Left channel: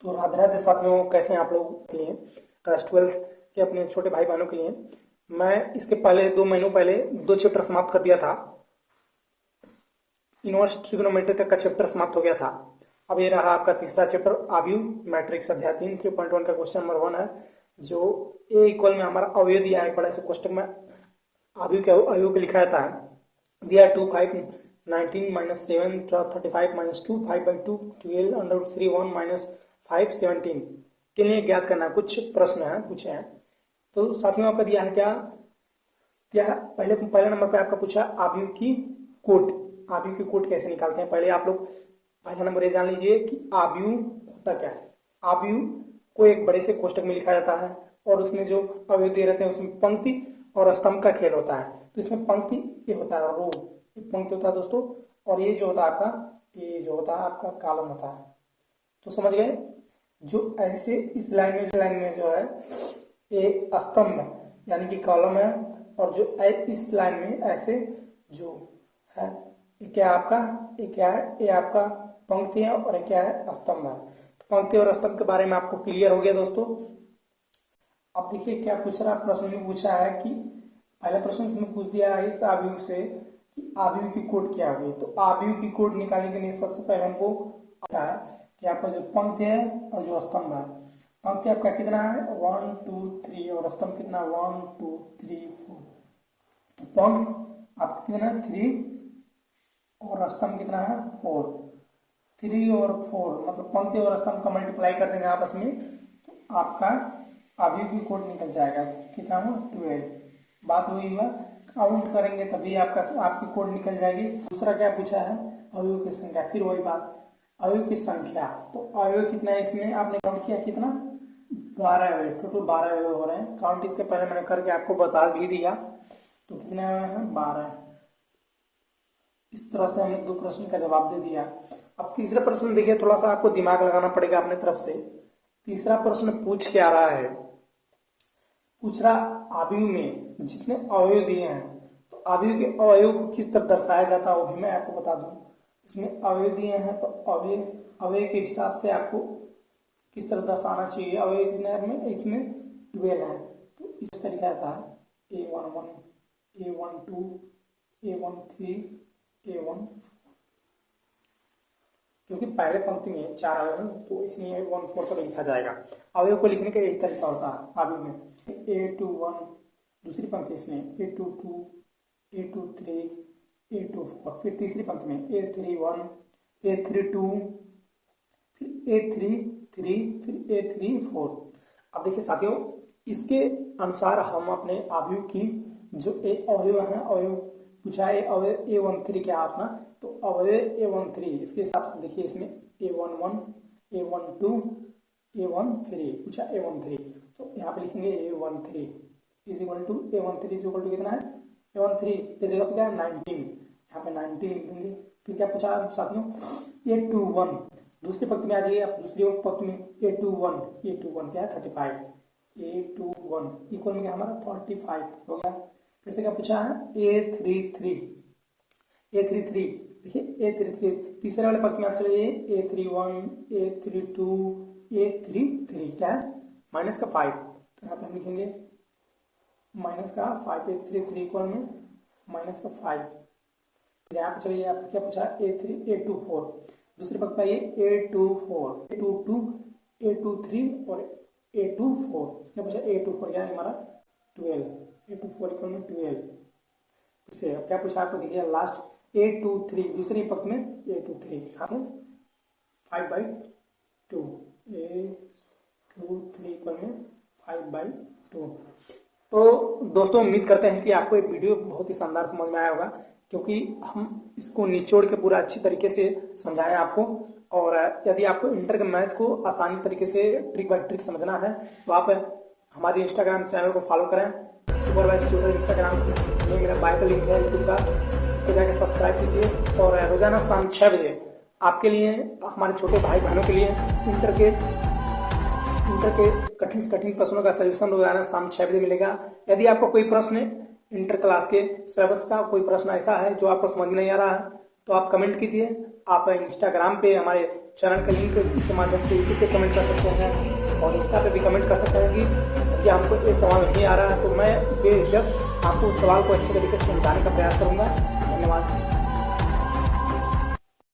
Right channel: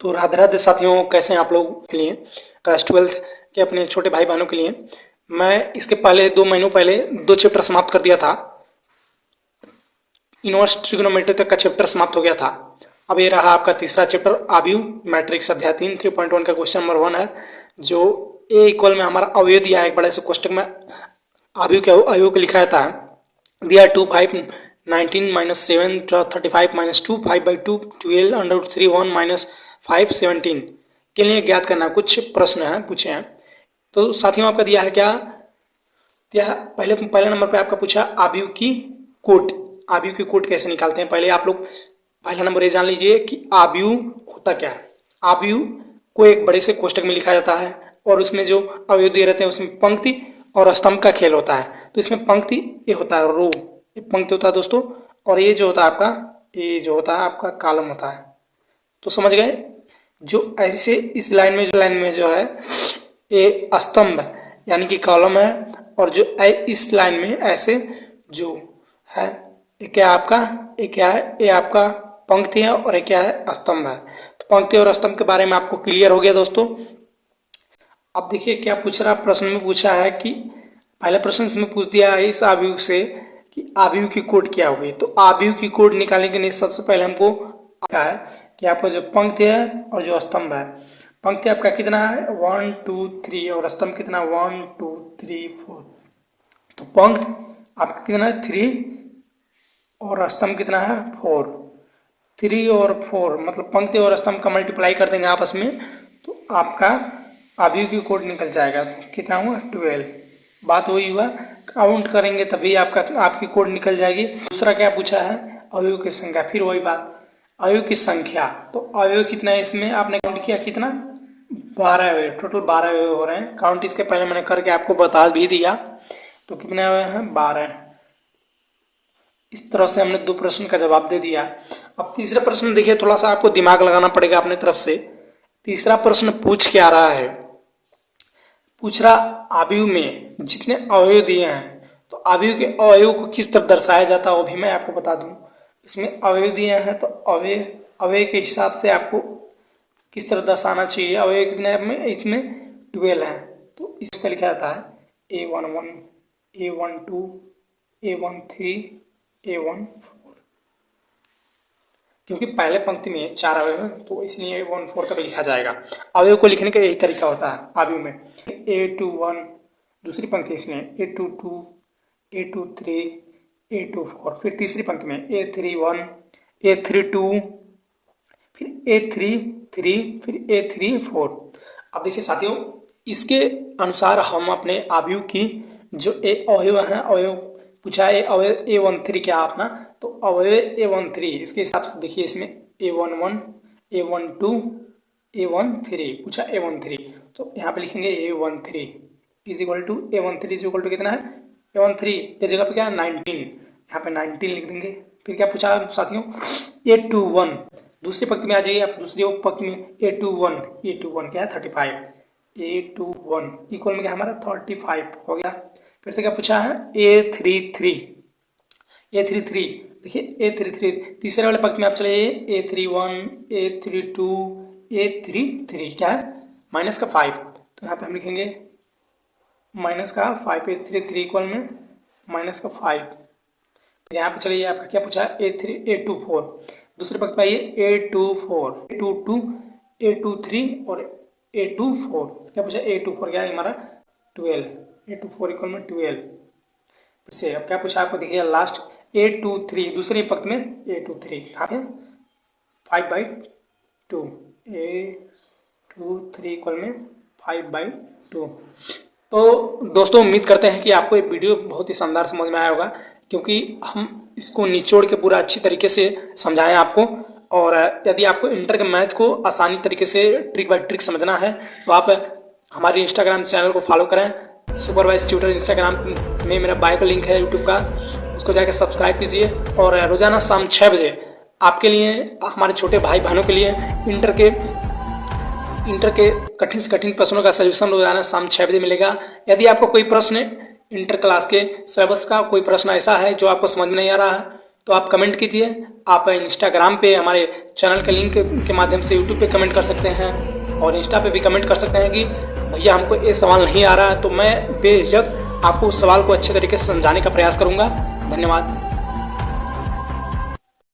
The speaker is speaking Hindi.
तो राधे राधे साथियों, कैसे हैं आप लोग के लिए क्लास 12th के अपने छोटे भाई बहनों के लिए। मैं इसके पहले 2 महीनों पहले 2 चैप्टर समाप्त कर दिया था। इनवर्स ट्रिग्नोमेट्री तक का चैप्टर समाप्त हो गया था। अब ये रहा आपका तीसरा चैप्टर, आव्यूह मैट्रिक्स अध्याय 3 3.1 का क्वेश्चन नंबर 1 है, जो ए इक्वल में हमारा अवयव दिया है। एक बड़े से कोष्टक में आव्यूह को लिखा जाता है। दिया 2 5 19 माइनस 7 35 माइनस 2 5/2 12 अंडर 3 1 माइनस 5 17 के लिए ज्ञात करना। कुछ प्रश्न हैं पूछे हैं। तो साथियों, आपका दिया है क्या? दिया पहले नंबर पे आपका पूछा आव्यूह की कोट। आव्यूह की कोट कैसे निकालते हैं, पहले आप लोग पहला नंबर ये जान लीजिए कि आव्यूह होता क्या है। आव्यूह को एक बड़े से कोष्टक में लिखा जाता है और उसमें जो अवयव दिए रहते हैं उसमें पंक्ति और स्तंभ का खेल होता है। तो इसमें पंक्ति ये होता है, रो ये पंक्ति होता है दोस्तों, और ये जो होता है आपका कॉलम होता है। तो समझ गए? जो ऐसे इस लाइन में जो है ये स्तंभ यानी कि कॉलम है, और जो इस लाइन में ऐसे जो है ये क्या है, ये आपका पंक्ति है और ये क्या है, स्तंभ है। तो पंक्ति और स्तंभ के बारे में आपको क्लियर हो गया दोस्तों। अब देखिए क्या पूछ रहा, प्रश्न में पूछा है कि पहले प्रश्न इसमें पूछ दिया है इस आव्यूह से कि आव्यूह की कोट क्या होगी। तो आव्यूह की कोट निकालने के लिए सबसे पहले हमको क्या है कि आपका जो पंक्ति है और जो स्तंभ है, पंक्ति आपका कितना है 1 2 3 और स्तंभ कितना 1 2 3 4। तो पंक्ति आपका कितना है 3 और स्तंभ कितना है 4। 3 और 4 मतलब पंक्ति और स्तंभ का मल्टीप्लाई कर देंगे आपस में, तो आपका आव्यूह की कोट निकल जाएगा। कितना हुआ 12। बात वही हुआ, काउंट करेंगे तभी आपकी कोड निकल जाएगी। दूसरा क्या पूछा है, अवयव की संख्या। फिर वही बात, अवयव की संख्या। तो अवयव कितना है इसमें, आपने काउंट किया कितना 12 अवयव, टोटल 12 अवयव हो रहे हैं। काउंट इसके पहले मैंने करके आपको बता भी दिया। तो कितने अवयव हैं 12। इस तरह से हमने 2 प्रश्न का जवाब दे दिया। अब तीसरा प्रश्न देखिए, थोड़ा सा आपको दिमाग लगाना पड़ेगा अपने तरफ से। तीसरा प्रश्न पूछ क्या रहा है, पूछ रहा आव्यूह में जितने अवयव दिए हैं तो आव्यूह के अवयव को किस तरह दर्शाया जाता है वो भी मैं आपको बता दूं। इसमें अवयव दिए हैं तो अवयव के हिसाब से आपको किस तरह दर्शाना चाहिए। अवयव कितने में, इसमें 12 है तो इस तरह लिखा जाता है A11 A12 A13 A14, क्योंकि पहले पंक्ति में 4 अवयव है तो इसलिए A14 का भी लिखा जाएगा। अवयव को लिखने का यही तरीका होता है आव्यूह में। A21 दूसरी पंक्ति इसमें A22 A23 A24, फिर तीसरी पंक्ति में A31 A32 फिर A33 फिर A34। अब देखिए साथियों, इसके अनुसार हम अपने आव्यूह की जो अवयव हैं, अवयव पूछा है अवयव A13 क्या अपना, तो अवयव A13 इसके हिसाब से देखिए इसमें A11 A12 A13 पूछा A13, तो यहाँ पे लिखेंगे A13 is equal to A13 is equal to कितना है A13 के जगह पे क्या है 19, यहाँ पे 19 लिख देंगे। फिर क्या पूछा साथियों A21, दूसरी पंक्ति में आ जाइए आप, दूसरी पंक्ति में A21 क्या है 35, A21 इक्वल में क्या हमारा 35 हो गया। फिर से क्या पूछा है A33 देखिए A33 तीसरे वाले पंक्ति में आप चले A31 A32 A33 क्या है माइनस का 5, तो यहाँ पे हम लिखेंगे माइनस का 5 A33 इक्वल में माइनस का 5। यहाँ पे चलिए आपका क्या पूछा है A24, दूसरे पंक्ति में आइए A24 A22 A23 और A24 क्या पूछा A24 क्या है हमारा 12, A24 इक्वल में 12। फिर से अब क्या पूछा आपको देखिए लास्ट A23 दूसरी पंक्ति में A23 यहाँ पे 5/2 A23 इक्वल में 5/2। तो दोस्तों उम्मीद करते हैं कि आपको ये वीडियो बहुत ही शानदार समझ में आया होगा, क्योंकि हम इसको निचोड़ के पूरा अच्छी तरीके से समझाएं आपको। और यदि आपको इंटर के मैथ को आसानी तरीके से ट्रिक बाय ट्रिक समझना है तो आप हमारे इंस्टाग्राम चैनल को फॉलो करें। सुपरवाइज ट्यूटर इंस्टाग्राम में मेरा बायो का लिंक है यूट्यूब का, उसको जाकर सब्सक्राइब कीजिए। और रोजाना शाम 6 बजे आपके लिए, हमारे छोटे भाई बहनों के लिए इंटर के कठिन से कठिन प्रश्नों का सलूशन रोजाना शाम 6 बजे मिलेगा। यदि आपको कोई प्रश्न इंटर क्लास के सिलेबस का कोई प्रश्न ऐसा है जो आपको समझ में नहीं आ रहा है तो आप कमेंट कीजिए। आप इंस्टाग्राम पे हमारे चैनल के लिंक के माध्यम से यूट्यूब पे कमेंट कर सकते हैं और इंस्टा पे भी कमेंट कर सकते हैं कि भैया हमको ये सवाल नहीं आ रहा है, तो मैं बेझिझक आपको उस सवाल को अच्छे तरीके से समझाने का प्रयास करूँगा। धन्यवाद।